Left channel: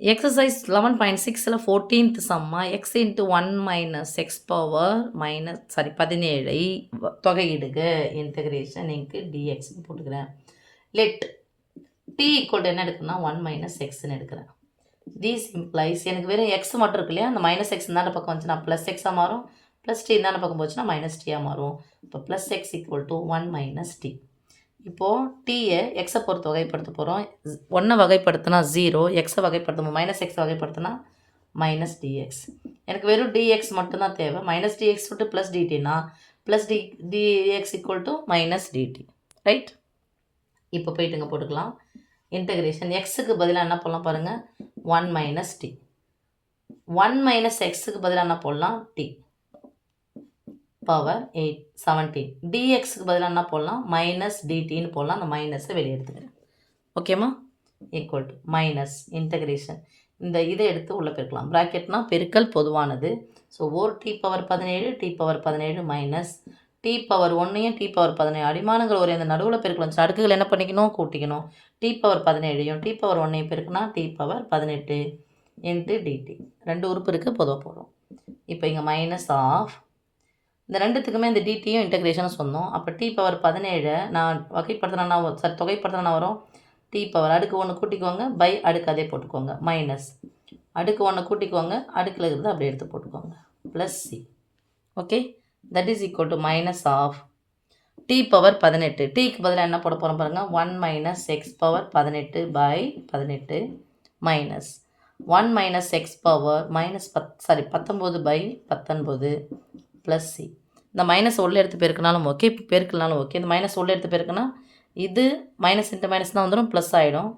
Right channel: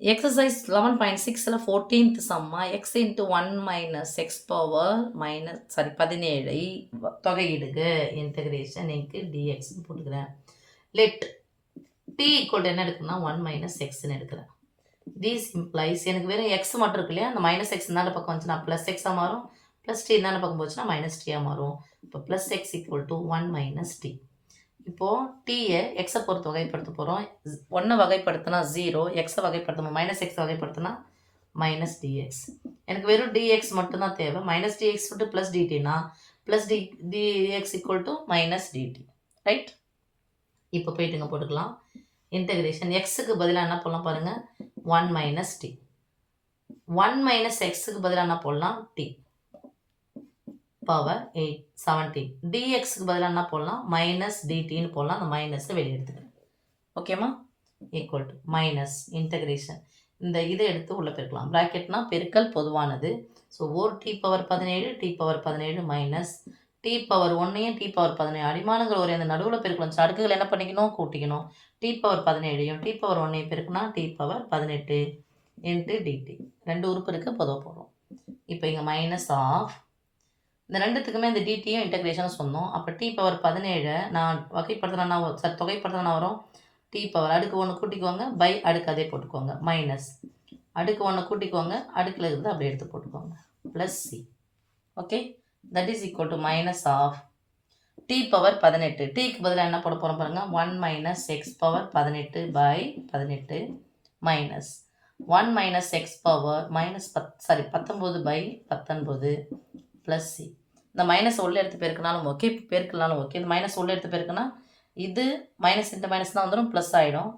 Exercise 11.6ல் 14th சம்மா x into 1 minus x power minus 17 தொகையிடுக இன்டகிரேஷன் இன்ட்டு டிஎக்ஸ்னு போட்டுக்கிறேன். லெட் டி ஈக்குவல் என்ன எடுக்கணும்னா 1 மைனஸ் எக்ஸ்ன்னு எடுக்கிறேன். தீஸ் இம்ப்ளைஸ் எனக்கு வெறும் எக்ஸ் மட்டும் இருக்கு இல்லையா, அந்த மைனஸ் எக்ஸ் இந்தாண்ட பக்கம் வந்துச்சுன்னா ப்ளஸ் எக்ஸாக மாறும், ப்ளஸ் டி இந்தாண்ட பக்கம் போச்சுன்னா மைனஸ் டியாக மாறும். இப்போ plus x equal to 1 minus t. இப்போது டீயை எக்ஸை பொறுத்து வகைப்படுத்த போகிறோம். 1 வகைப்படுத்தினா 0, எக்ஸை வகைப்படுத்தணும் மைனஸ் எக்ஸ் வகைப்படுத்தினா மைனஸ் டிஎக்ஸ். எனக்கு வெறும் டிஎக்ஸ் மட்டும்தான் தேவை. மைனஸ் டிஎக்ஸ் விட்டு ப்ளஸ் டிடினா plus dx equal to minus dt. Right, இப்போ போயிட்டு இங்கே போட்டுக்கலாம். இன்டகிரேஷன் எக்ஸுக்கு பதிலாக என்ன போடலாம் பாருங்கள், 1 மைனஸ் டி. 1 மைனஸ் எக்ஸுக்கு பதிலாக என்ன போடலாம், டி பவர் 17. டிஎக்ஸுக்கு பதிலாக என்ன போடலாம், மைனஸ் டிடின்னு போடலாம். அந்த மைனஸை வெளியே எடுத்துக்கிறேன். ஓகேம்மா, ஈக்குவல் டு மைனஸ் இன்டகிரேஷன் இந்த இதை எடுத்து உள்ளே பெருக்கலாம். ப்ராக்கெட்னா பெருக்கல் பொதுவானது. ஸோ ஓர் t power 17 t power 17 minus t power 1ஐயும் டி பவர் 17 அடிமானங்கள் ஒரு அந்த நடுவில் பெருக்கலாம். அடுக்குகள் என்ன பண்ணிக்கணும், கூட்டிக்கணும். டி பவர் 17ஐயும் டி பவர் 1ஐயும் பெருக்குனா டி பவர் 18 இன்ட்டு டிடி. 2 உறுப்பு இருக்குது, பொதுவாக போடுறோம். இப்போ இங்கே மைனஸ் ஆஃப் இந்த ரெண்டுத்துக்குமே இந்த டிடியும் இன்டகிரேஷனும் சொன்னோம். அப்போ டி பவர் 17 நான் வகைப்படுத்தினா தொகைப்படுத்தினா வரும் டி பவர் அடுக்கு 1 கூட்டிக்கோங்க, பை அடுக்கு அதே போட்டுக்கோங்க, மைனஸ் அடுக்கு 1 கூட்டிக்கோங்க, அடுக்கில் இருந்து அப்படியே எடுத்து போட்டுக்கோங்க, plus c. Okay, that is equal to minus of t power 18. டிக்கு பதிலாக என்ன போட போகிறோம் பாருங்கள், 1 minus x power 18 by 18 minus 1 minus x power minus 19 by 19 plus c. இந்த மைனஸ் உள்ளே எடுத்து பெருக்கினாலும் ஓகே, பெருக்கனாலும் ஓகே. இந்த மைனஸ் உள்ளே எடுத்து பெருக்கினா இது மைனஸ் இன்ட்டு மைனஸ் தான் வந்துடும், ப்ளஸ் ஆகிடும்.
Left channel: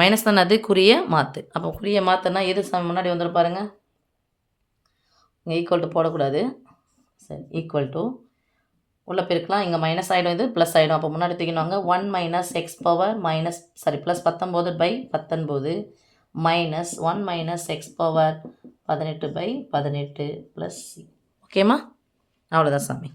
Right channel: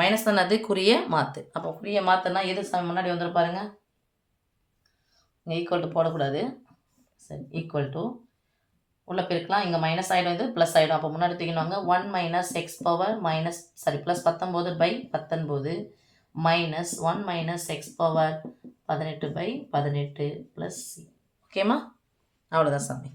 மைனஸ் தானே அது, குறிய மாற்று. அப்போ குறிய மாற்றுனா எது முன்னாடி வந்துடும் பாருங்கள், இங்கே ஈக்குவல் டு போடக்கூடாது. சரி, ஈக்குவல் டு உள்ளே பெருக்கலாம். இங்கே மைனஸ் ஆகிடும், இது ப்ளஸ் ஆகிடும். அப்போ முன்னாடி தூக்கிடுவாங்க 1 minus x power minus plus 19 by 19 minus 1 minus x power 18 by 18 plus c. ஓகேம்மா, அவ்வளோதான் சாமி.